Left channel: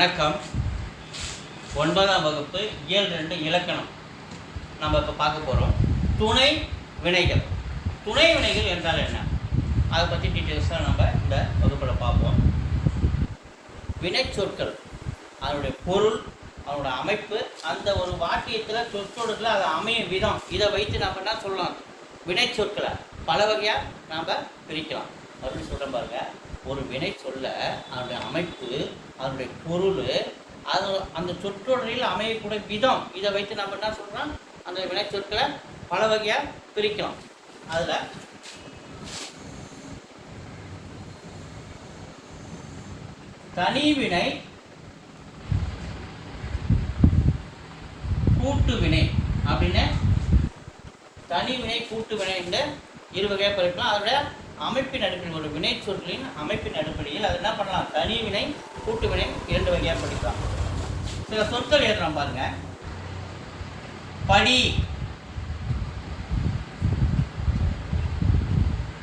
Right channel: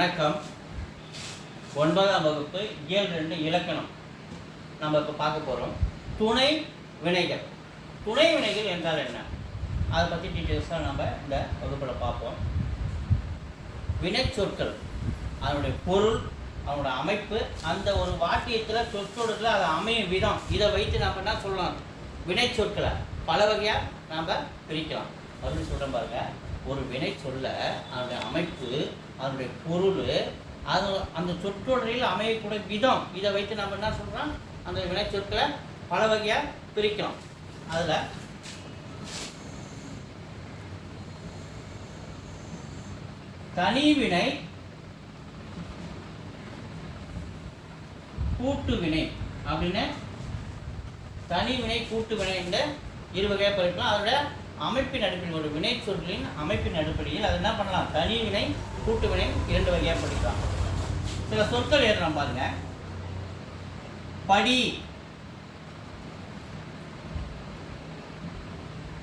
வணக்கம். ஒன்பதாம் வகுப்பு இயல் ரெண்டு இலக்கணம். நம்ம இப்போ பார்க்க போகிறோம் துணை வினைகள். துணை வினைகள் என்றால் என்ன? அதை பற்றி டீட்டெயில்ஸாக நம்ம இந்த வகுப்பில் பார்ப்போம். வினைச்சொற்கள். அதனுடைய பொருள் அதனுடைய அமைப்பு அந்த ஒரு வாக்கியத்தில் சொற்றொடரில் அது அமையும் விதம். இதை வைத்து நம்ம என்ன சொல்லலாம்? வினைச்சொற்களை. பல வகையாக நாம் பிரிக்கலாம். மறுபடியும் சொல்கிறேன் பாருங்கள் ஒரு வினை சொல்ல அதனுடைய அமைப்பு அதனுடைய பொருள் அது அந்த சொற்றொடரில் அமையக்கூடிய விதம் இதை வைத்து நம்ம என்ன சொல்கிறோம் அந்த வினை சொற்களை பல வகையாக பிரிக்கலாம் அதில் தனிவினை கூட்டு வினை அப்படின்னு தனிவினை கூட்டு வினை என்ற இரு வகையாக பிரிக்கலாம் அதில் அமைப்பின் அடிப்படையில் ஒரு வினை சொல்லின் அமைப்பின் அடிப்படையில் அது என்ன பண்ணலாம்? தனிவினை கூட்டு வினை இரண்டு வகையாக படிக்கலாம் சில சொற்கள் எழுதுறோம் பாருங்க. படி.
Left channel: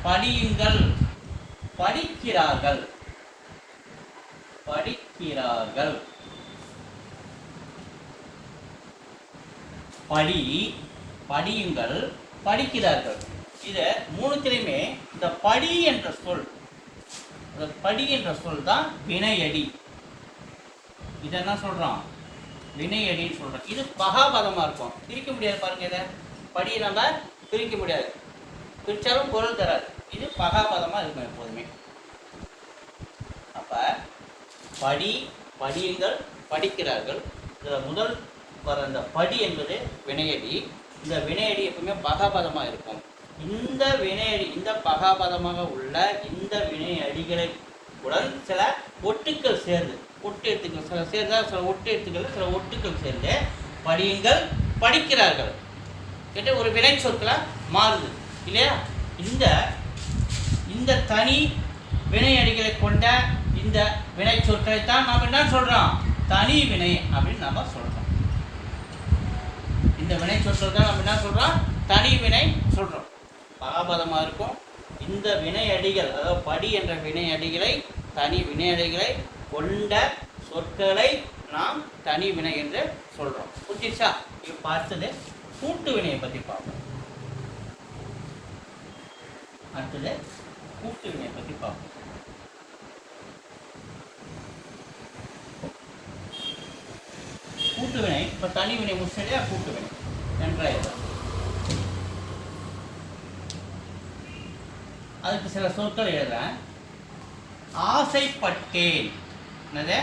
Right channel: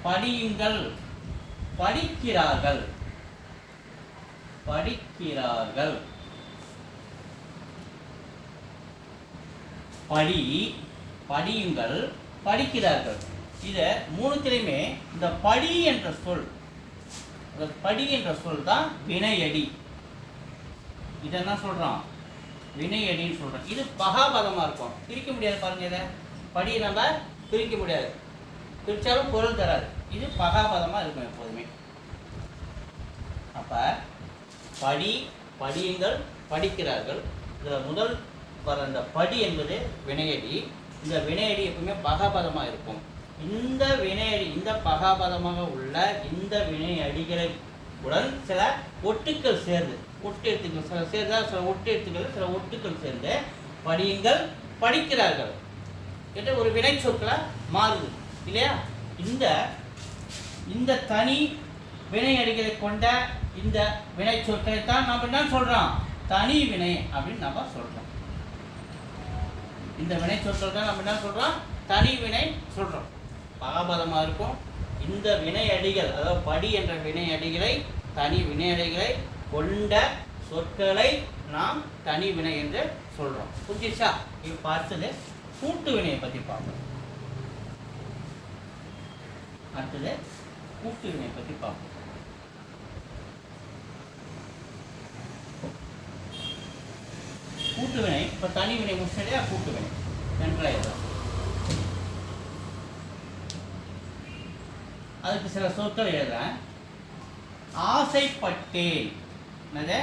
படியுங்கள். படிக்கிறார்கள். படிக்கிறார்கள். படி. படியுங்கள். படிக்கிறார்கள். இதை மூணுத்திலையுமே இந்த படி என்ற சொல் அந்த படி என்ற சொல் தான் வினையடி. இதை என்ன சொல்றோம்? வினையடின்னு சொல்கிறோம் இது பகாபதமா இருக்கும். பிரிக்க முடியாது பாருங்க இதை. படியை நம்ம பிரிக்க முடியாது. பிரித்தாலும் பொருள் தராது. இது பகாபதமா இருக்கும் எப்போதுமே. அப்போ படி படியுங்கள் படிக்கிறார்கள். இதில் முதல் வர அந்த படி என்பது வினையடி. இந்த வினையடி எப்பவுமே பகாபதமா இருக்கும். இந்த வினையடி இந்த பகாபதமாக உள்ள இந்த வினையடிகளை உடன் சில ஒட்டுக்கள் சேர்ந்து ஒட்டு எழுத்துக்கள் சில சேர்ந்த சில ஒட்டு எழுத்துக்கள் சில ஒட்டுக்கள் சேர்ந்து படியுங்கள் படிக்கிறார்கள். கேட்ட ஒரு வினை சொற்களா மாறுது இல்லையா? இந்த இந்த தனி வினையடிகளை கொண்ட இந்த வினை சொற்களை தான் நாம் என்ன சொல்கிறோம் தனி வினை அப்படின்னு நம்ம சொல்கிறோம் இந்த வினை சொற்கள் தான் நம்ம என்ன சொல்கிறோம் தனி வினை சொல்கிறோம் பகாபதமாக இருக்கும். இந்த வினையடிகள் அதாவது படி என்ற வினையடிகளை தனி வினையடிகளை கொண்ட சொற்களை நாம் தனி வினை என்று சொல்கிறோம் புரிஞ்சிச்சா இது அடுத்தது கூட்டு வினையை பற்றி பார்ப்போம். அடுத்தது கூட்டு வினையை பற்றி பார்ப்போம். கூட்டு வினை இப்போ தனி வினை முடிச்சதே கூட்டு வினை. நன்றாக அதுக்கு சில சொற்கள் எழுதுறேன். ஆசைப்பட்டேன். என்னது?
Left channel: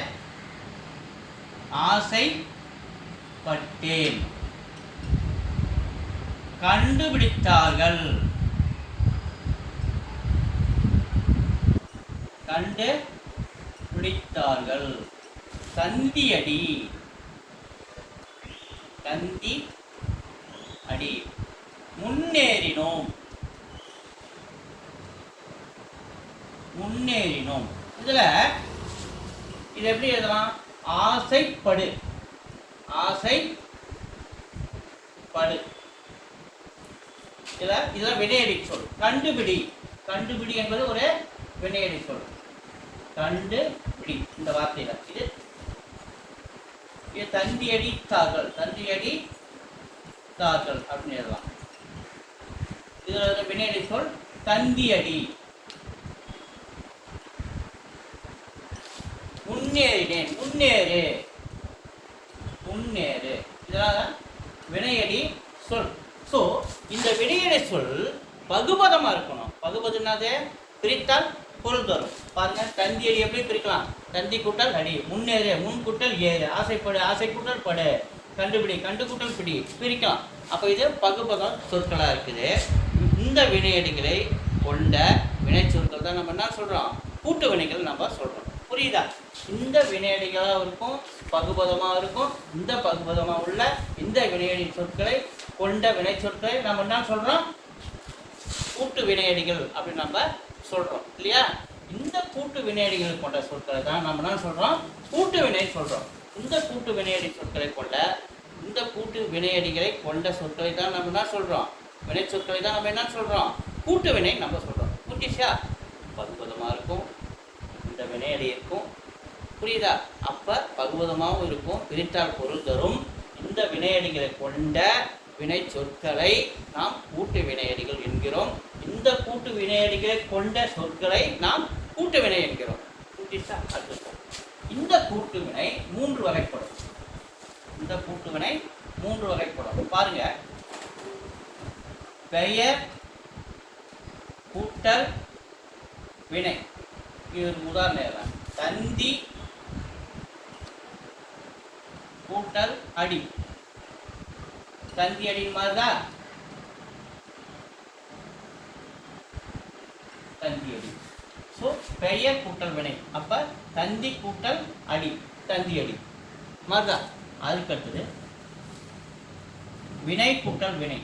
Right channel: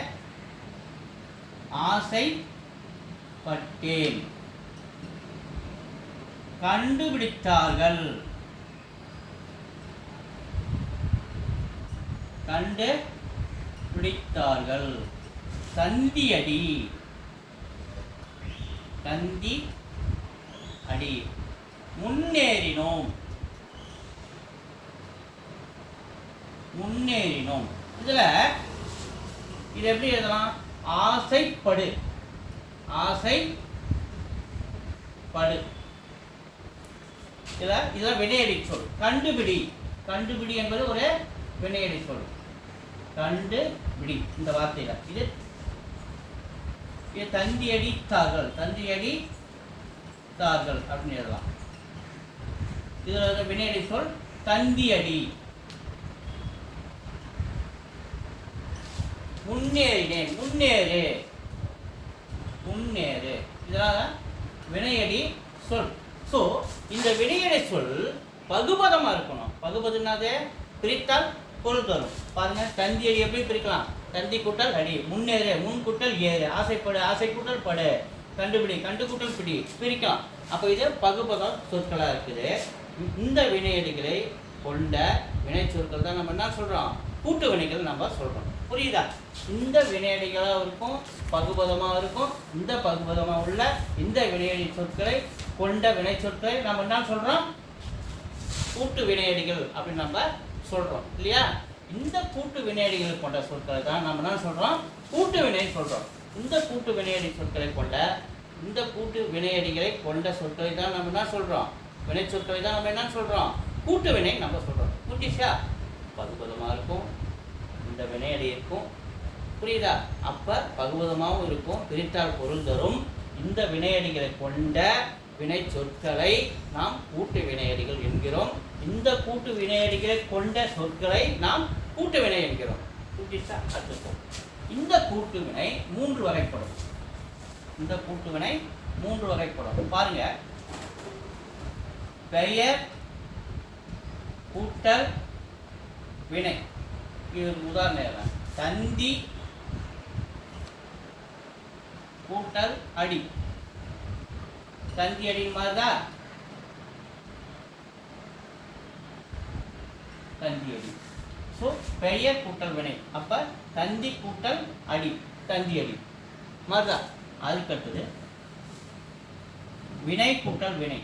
ஆசைப்பட்டேன். கண்டுபிடித்தார்கள். கண்டு பிடித்தார்கள் சந்தியடி தந்தி அடி முன்னேறினோம். முன்னேறினோம். இதில் இது எப்படி எழுதலாம்? ஆசைப்படு. ஆசை படு இதில் இதை வினையடி சொல். கண்டுபிடி. கண்டுபிடி என்பது ஒரு வினையடி சொல். கண்டுபிடி. இந்த வார்த்தையில. இது இது தந்தியடி தார்கள் தந்தியடி தார்கள் அப்படின்னு எழுதலாம். இதில் வினையடி சொல் தந்தியடி முன்னேறினேன் முன்னேறு முன்னேறு இதெல்லாம் வினையடி சொல். ஸோ இந்த வினையடி சொல் பகுபதமா இருக்கணும். பகுபதுனாதே பிரித்தால் பொருள் தரும். பாருங்க தந்தி அடி எப்படி பிரிக்கலாம்? தந்தி கூட்டல் அடி. முன்னேறு முன் கூட்டல் ஏறு. ஆசைப்படு ஆசை கூட்டல் படு. கண்டுபிடி கண்டு கூட்டல் பிடி. பிரிக்கலாம். அப்போ இது பகுபதம் சொற்களாக இருக்குது. இந்த வினையடிகளை கொண்ட வினை சொற்கள் தான் நம்ம என்ன சொல்றோம்? கூட்டு வினைகள் நம்ம சொல்றோம். புரியுதா? இந்த வினையடிகளாக இருக்கும் பகுபதமாக இருக்கும் இந்த பகுபதமாக உள்ள இந்த வினையடி சொற்களை கொண்ட வினை சொற்களை நம்ம என்ன சொல்கிறோம் கூட்டு வினையடிகள் அப்படின்னு நம்ம சொல்கிறோம் இல்லையா? இந்த கூட்டு வினையடிகள் கொண்ட சொற்களை தான் நம்ம என்ன சொல்கிறோம் கூட்டு வினை சொல்கிறோம் இந்த கூட்டு வினையடி சொற்களை கொண்ட இந்த கூட்டு வினையடிகளை கொண்ட சொற்களை தான் நம்ம என்ன சொல்கிறோம் வினை சொற்களை தான் நம்ம என்ன சொல்கிறோம் கூட்டு வினை நம்ம சொல்கிறோம் புரிஞ்சிச்சா? பகுபதமாக இருக்கும் இந்த வினையடி இருக்கும். புரியுதா? அப்போ பகுவதமாகவும் இருக்கும். பிரித்தால் பொருள் தரும். இந்த வினையடிகளை கொண்ட வினை சொற்களை நாம் கூட்டு வினையடிகள் என்கிறோம். இந்த கூட்டு வினையடிகளை கொண்ட சொற்களை நாம் கூட்டு வினை என்கிறோம். கூட்டிச்சா? அடுத்து இந்த கூட்டு வினை மூன்று வகைப்படும். இந்த கூட்டு வினை மூன்று வகைப்படும். பாருங்க. பெயர் கூட்டல் வினை. இது ஒரு உதாரணம் தந்தி கூட்டல் அடி. தந்தி அடி மாதிரிதா தந்தி அடி. ஸோ பெயர் கூட்டல் வினை. அப்ப தந்தி கூட்டல் அடி. தந்தி அடி. மாதிரிதா அதுக்கடுத்தது வினை கூட்டல் வினை.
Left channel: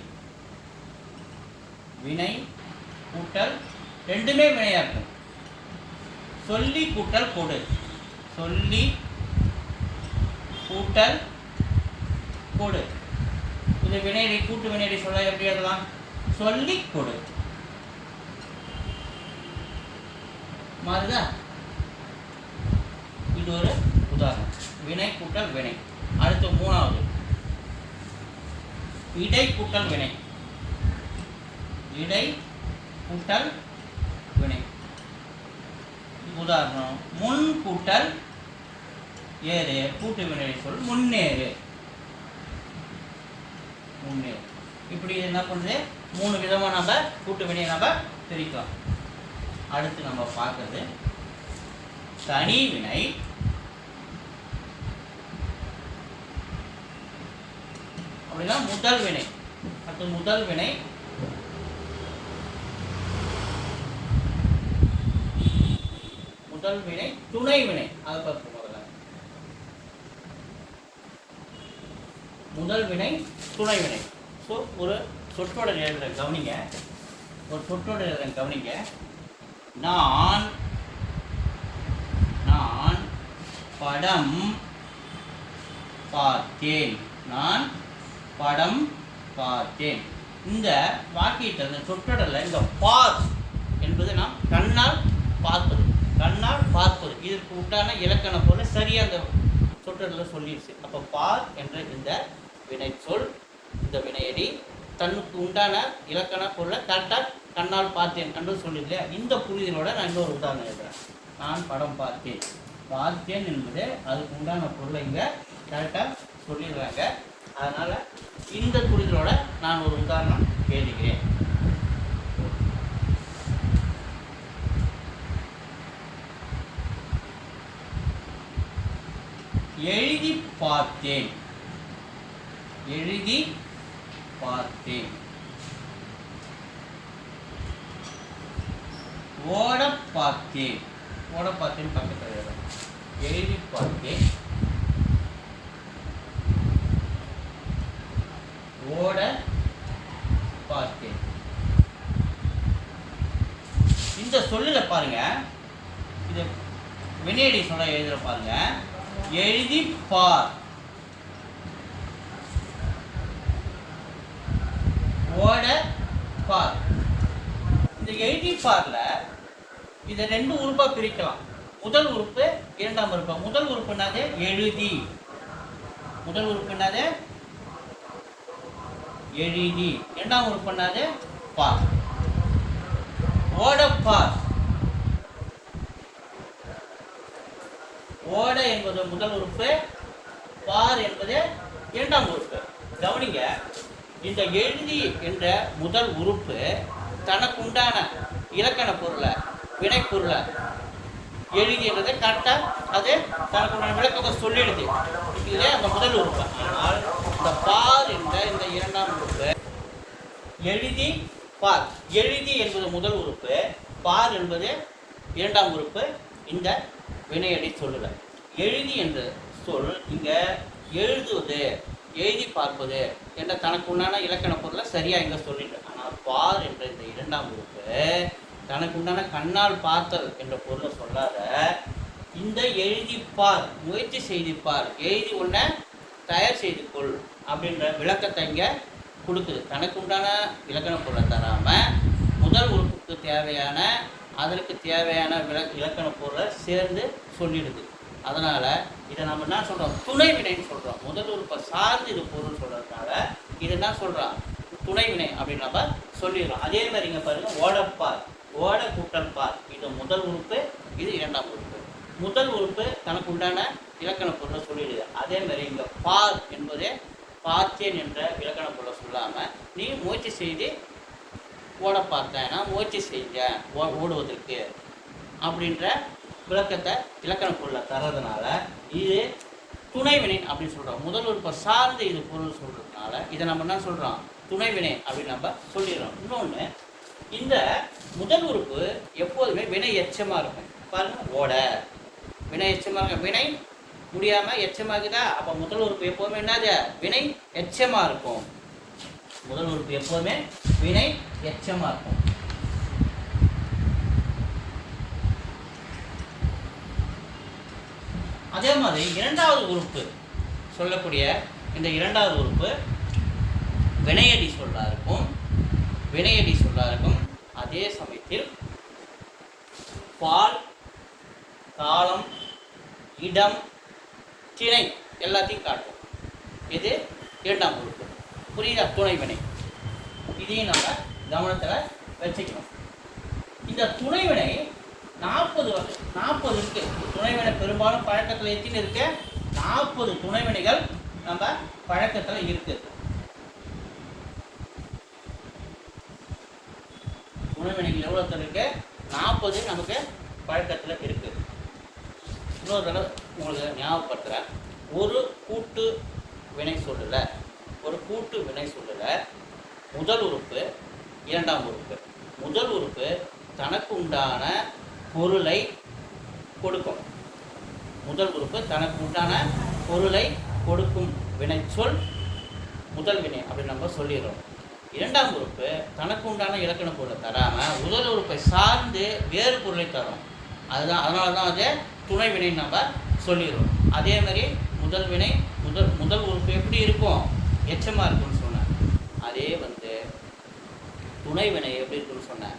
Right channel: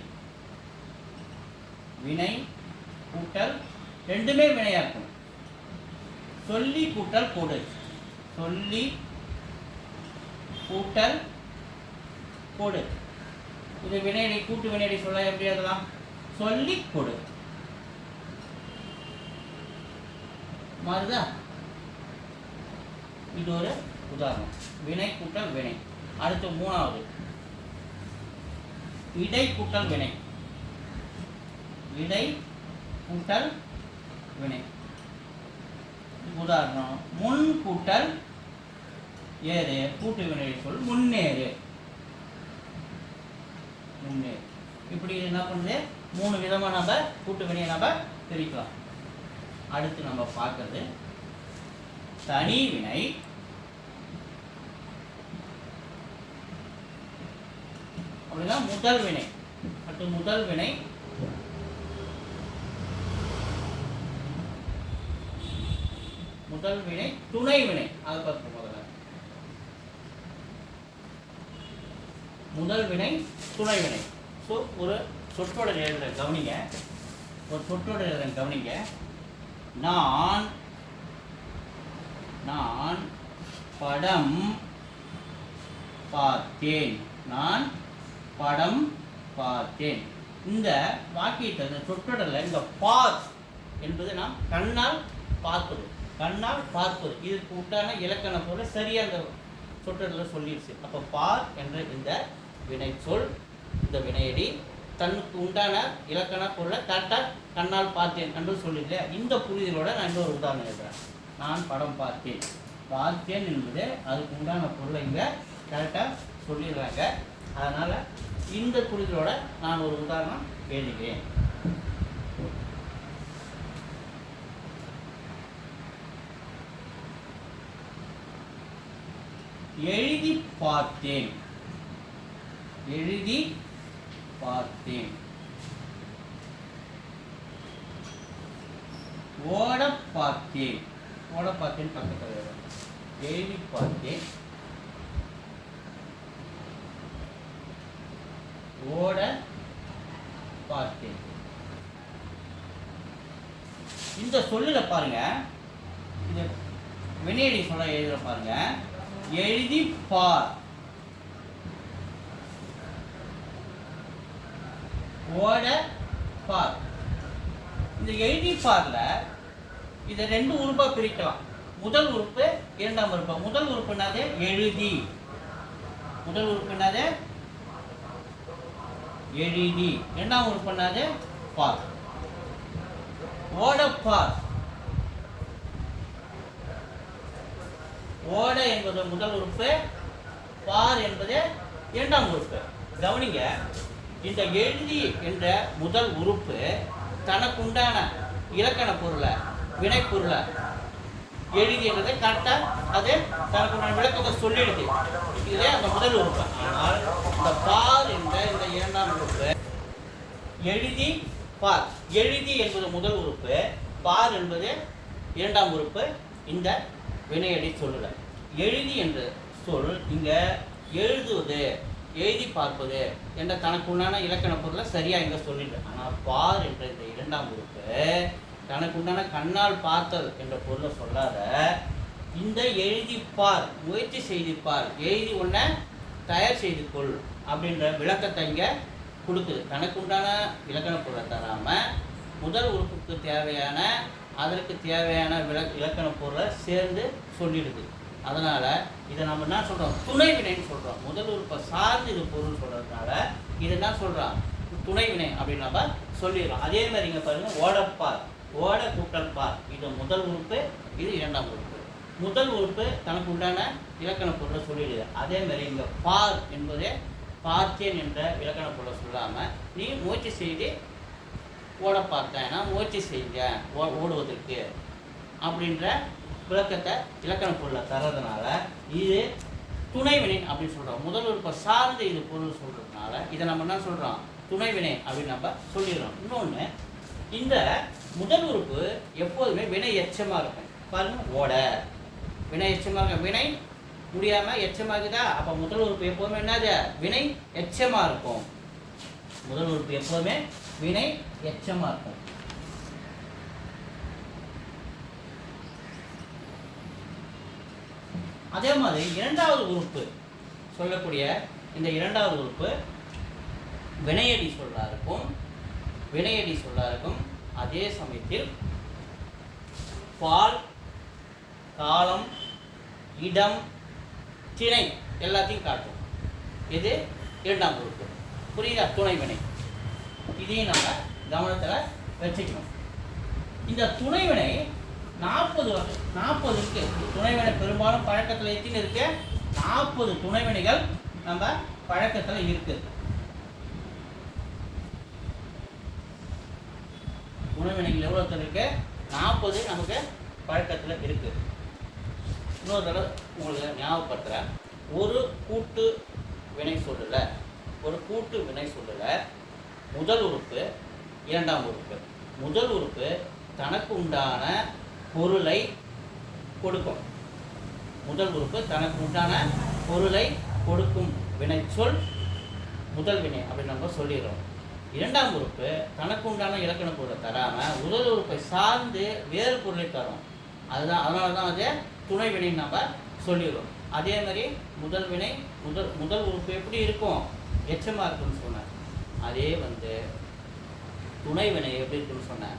வினை கூட்டல் ரெண்டுமே வினையா இருக்கும். சொல்லி கூட்டல் கொடு. சொல்லி கூட்டல் கொடு. இது வினையடி கூட்டு வினையடி சொல்ல எப்படி எழுதலாம்? சொல்லி கொடு. மாறுதா? இது ஒரு உதாரணம். வினை கூட்டல் வினை. அடுத்து மூணாவது. இடை கூட்டல் வினை. இடை கூட்டல் வினை. உதாரணம் முன் கூட்டல் ஏறு கூட்டு வினை சொல் முன்னேறு. முன்னேறு. இப்படி என்ன பண்ணுது? மூணு விதமாக நம்ம கூட்டு வினை நம்ம பிரிக்கலாம். அடுத்து நம்ம பார்க்கறது தனி வினை அப்படின்னா முதல் வினை. அடுத்து முதல் வினை முதல் வினை துணை வினை. அதை பார்ப்போம் முதல்ல. முதல் வினை துணை வினை. ஸோ ஒரு சொற்றொடர் எழுதுற கவனிங்க. ஒரு சொற்றோட எழுதுற கவனிங்க. நான் நான் படம் பார்த்தேன். நான் படம் பார்த்தேன். இந்த வாக்கியத்தில் இந்த சொற்றொடரில் இந்த பார் என்பது நாம் கண்ணால் பார்ப்பது. கண்ணால் பார்ப்பது. இதற்கு உண்டான இலக்கண போல சரியாக அந்த சொற்றொடரில் சொல்லிடுச்சு அப்போ பார் என்ற இந்த வினை சொல் இந்த வினையடி தன்னுக்கு உண்டான இலக்கண பொருளை கரெக்டாக கண்ணால் பார்த்தேன். கண்டு சொல்லிடல இந்த புரிதலோட நான் இன்னொரு உதாரணம் எழுதுறேன். நான் படம் பார்த்தேன். பார்த்தேன் என்பது அதுக்கு உண்டான பொருளை இங்கே கரெக்டாக சொல்லிடுறாங்க. அதனால் இந்த புரிதலோட நான் ஒரு உதாரணம் கேளுகிறேன் எழுதி பார்த்தேன் எழுதி பார்த்தேன் ஓட பார்த்தேன் ஓட பார்த்தேன் பக்கத்தில் எழுதி பார்த்தேன் ஓட பார்த்தேன் இந்த சொல்லில் பாருங்க. இது வினையடி சொல்ல எழுதுகிற பாருங்கள் எழுதி பார் ஓட பார் இந்த எழுதி பார்ல இதை ரெண்டு உறுப்பா பிரிக்கலாம். முதல் உறுப்பு இரண்டாம் உறுப்பு. முதல் உறுப்புனாலே எழுதி. முதல் உறுப்புனாலே எழுதி. இரண்டாம் உறுப்புனாலே பார். ஓட பார் ஓட என்பது முதல் உறுப்பு பார் என்பது இரண்டாம் உறுப்பு. கவனிங்க இந்த எழுதி என்ற முதல் உறுப்பு தனக்கு உண்டான இலக்கண பொருளை வினைப்பொருளை எழுதி என்றதை கரெக்டாக அது தனக்குண்டான விளக்கத்தை சொல்லிடுது. இதே அந்த முதல் உறுப்பு. ஆனால் இந்த பார் என்ற இந்த இரண்டாம் உறுப்பு எழுதி பார். எழுதி என்பது முதல் உறுப்பு பார் என்பது இரண்டாம் உறுப்பு. இந்த வினையடி சொல்லுல எழுதி என்று சொல் இங்கே எழுதுவது எழுதி பார்ப்பது என்ற தனக்கு உண்டான இலக்கண பொருளை சரியாக இங்கே சொல்லிட்டு. ஆனால் பார் என்ற இந்த இரண்டாம் உறுப்பு தனக்கு உண்டான கண்ணால் பார்த்தல் என்ற பொருளை சொல்லாத இந்த எழுதி பார் முயற்சி செய்து பார் எழுதி ஒன்றை தயார் செய்து கொள் அப்படின்ற விளக்கத்தை இங்கே கொடுக்குது. தனக்கு உண்டான இலக்கண பொருளை தராமல் முதல் உறுப்புக்கு தேவையான அதற்கு தேவையான விளக் இலக்கண பொருளை சேர்ந்து சொல்லிடுது. அதனால் இதை நம்ம என்ன சொல்கிறோம் துணை வினைன்னு சொல்கிறோம் முதல் உறுப்பை சார்ந்து இது பொருள் சொல்கிறதுனால இதை என்ன சொல்கிறான் துணை வினை அப்படின்னு நம்ம சொல்லிடுறோம். அதே மாதிரி இங்கே பாருங்கள் ஓடப்பார். ஓட கூட்டல் பார். இது முதல் உறுப்பு இது இரண்டாம் உறுப்பு. முதல் உறுப்பு தனக்கு உண்டான இலக்கண பொருளை சொல்லிடுது. அதே மாதிரி இங்கே பார் என்பதே பார்த்தேன் என்ற இலக்கண பொருளை சொல்லாமல் நீ முயற்சி செய்து ஓட பார்த்தேன் நான் முயற்சி செஞ்சேன் ஓ- ஓடுவதற்கு அப்படின்ற விளக்கத்தை இலக்கண பொருளை தர்றதுனால இது துணைவினை அப்படின்னு சொல்கிறோம் முதல் உறுப்பை சார்ந்து இது பொருள் சொல்கிறதுனால இதை நம்ம என்ன சொல்கிறோம் துணைவினை அப்படின்னு நம்ம சொல்லிடுறோம். இன்னொன்று இந்த முதல் உறுப்பு எப்போதுமே வினை எச்சமாக இருக்கும். பாருங்க ஓட. வினை எச்சமாக இருக்கும் வினை முடியாமல் எச்சமாகுதா? அப்போ முதல் உறுப்பு எப்போதுமே என்னது? வினை எச்சமாக இருக்கும். முதல் உறுப்பு எப்போதுமே வினை எச்சமாக இருக்கும் அதே மாதிரி இரண்டாவது உறுப்பு சொல்லக்கூடிய இந்த இரண்டாவது உறுப்பு வினையடி சொல்லா இருக்கும். வினையடி சொல்லா இருக்கும். அதே சமயத்தில் பால் காலம் இடம் திணை எல்லாத்தையும் காட்டும். இது இரண்டாம் உறுப்பு. புரியுதா? துணை வினை. இதையும் நம்ம கவனத்தில் வச்சுக்கணும். இந்த துணைவினை நாற்பது நாற்பது இருக்கு. துணைவினை பெரும்பாலும் பழக்கத்தில் எத்தனை இருக்கு? நாற்பது துணைவினைகள் நம்ம பழக்கத்தில் இருக்கு. துணைவினைகள் எவ்வளோ இருக்கு? நாற்பது நமக்கு பழக்கத்தில் இருக்கு. இன்னொரு தடவை உங்களுக்கு ஞாபகப்படுத்துகிறேன் ஒரு கூட்டு வினை சொல்லலை. ஒரு கூட்டு வினை சொல்லல. முதல் உறுப்பு இரண்டாம் உறுப்பு. முதல் உறுப்பு தனக்கு உண்டான பொருளை கொடுக்கும். முதல் உறுப்பு தனக்கு உண்டான பொருளை கொடுக்கும் வினைச்சொல் முதல் வினை அப்படின்னு நம்ம சொல்லிடுறோம். இரண்டாம் உறுப்பு தனக்கு உண்டான இலக்கண பொருளை தராம முதல் உறுப்பை சார்ந்து வேறு பொருளை தரும். அதுதான் அதனால தான் வந்து துணை வினை நம்ம சொல்லிடுறோம். அதே மாதிரி முதல் வினை முதல் முதல் உறுப்பு எப்படி இருக்கும்? எச்சமாக இருக்கும்னு சொன்னேன் அதே வந்து துணை வினை எப்படி இருக்குன்னு சொன்னேன்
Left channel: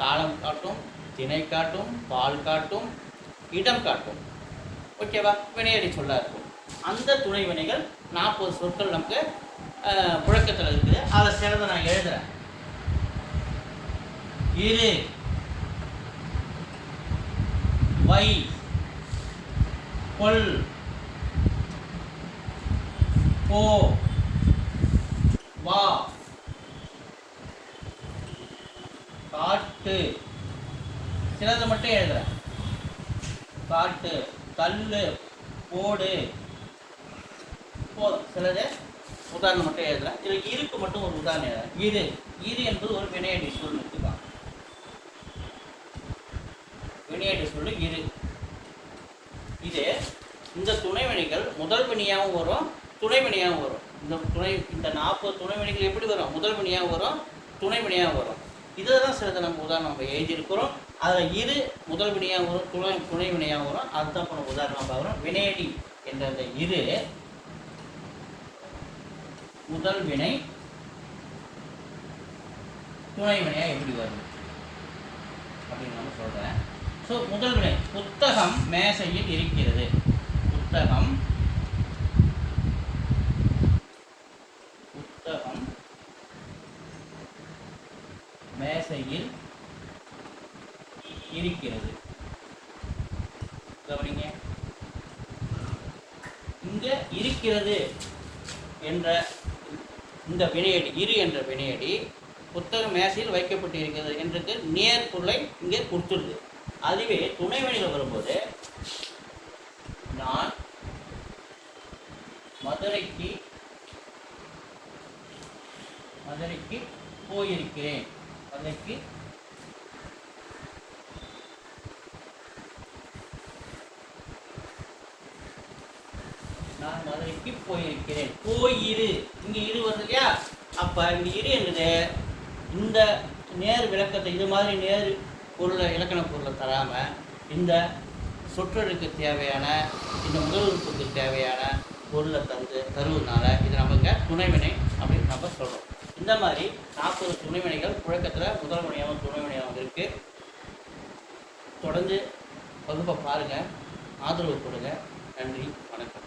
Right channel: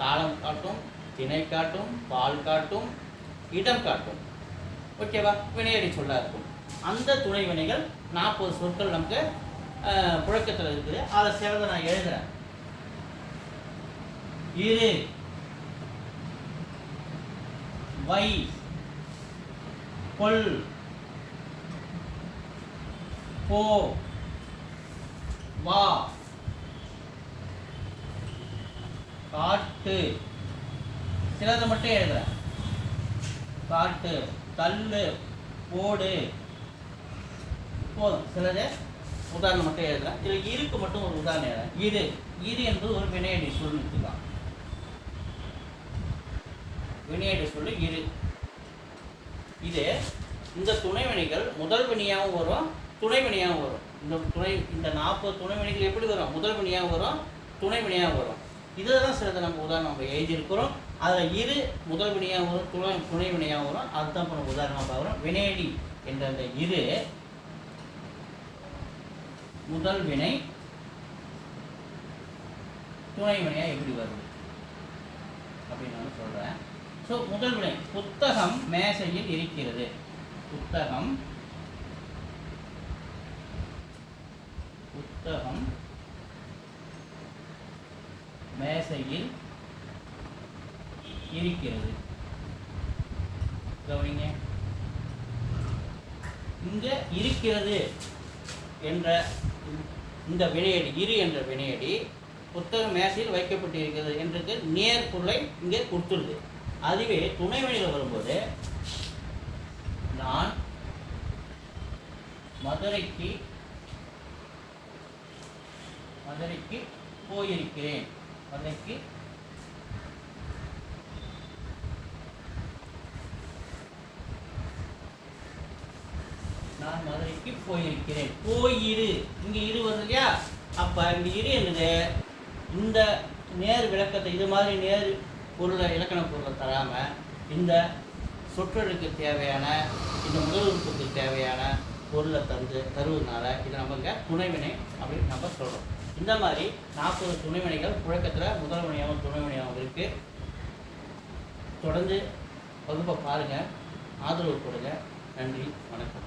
காலம் காட்டும் திணை காட்டும் பால் காட்டும் இடம் காட்டும். ஓகேவா வினையடி சொல்லா இருக்கும். அந்த துணை வினைகள் நாற்பது சொற்கள் நமக்கு புழக்கத்தில் இருக்குது. அதை சிறந்த நான் எழுதுறேன். இரு வை கொள் போ. வா. காட்டு. சிலதை மட்டும் எழுதுறேன். காட்டு. தள்ளு. போடு. போதும். சிலது உதாரணம் மட்டும் எழுதுறேன். இதில் இருக்கு மட்டும் ஒரு உதாரணம் எழுதுறேன். இரு. இரு என்பது ஒரு வினையடி சொல் எடுத்துக்கலாம் வினையடி சொல்லு இரு. இது இந்த துணைவினைகள் முதல் வினையாகவும் வரும் துணைமணியாகவும் வரும். இந்த துணை இந்த நாற்பது துணைமணிகள் எப்படி வரும்? முதல் வரும் துணைமணியாகவும் வரும். இதில் தான் சிலது நம்ம உதாரணம் நம்ம எழுதியிருக்கிறோம். அதில் இரு முதல் வினையாக வரும் துணை துணை வினையாக வரும். அதுதான் இப்போ நம்ம உதாரணம் பார்க்குறோம் வினையடி என்ற அந்த இரு முதல் வினை துணை வினையாக எப்படி வரும் அப்படின்னு நான் சொல்கிறேன் ஸோ முதல் வினை புத்தகம் மேசையில் இருக்கிறது. புத்தகம் மேசையில் இருக்கிறது. கவனிங்க. இங்க இருக்கிறது என்ற இந்த வினையடி இரு என்ற வினையடி புத்தக மேசையில் வைக்கப்பட்டிருக்கிறது என்றது நேர் இங்கே கொடுத்துருது அதுவே துணை வரும்போது நான் மதுரைக்கு மதுரைக்கு போயிருக்கிறேன். அன்னைக்கு நான் மதுரைக்கு போயிருக்கிறேன். போயிரு இங்க இரு வருது இல்லையா? அப்ப இங்க இரு என்னது இந்த நேர் விளக்கத்தை இது மாதிரி நேர் பொருளை இலக்கண பொருளை தராம இந்த சொற்றொடருக்கு தேவையான இந்த முதல் தேவையான பொருளை தந்து தருவதனால இது நமக்கு துணைவினை அப்படின்னு நம்ம சொல்றோம். இந்த மாதிரி நாற்பது துணைவினைகள் புழக்கத்தில் முதல் வினையாகவும் துணை வினையாகவும் வந்திருக்கு தொடர்ந்து வகுப்பை பாருங்கள் ஆதரவு கொடுங்க. நன்றி. வணக்கம்.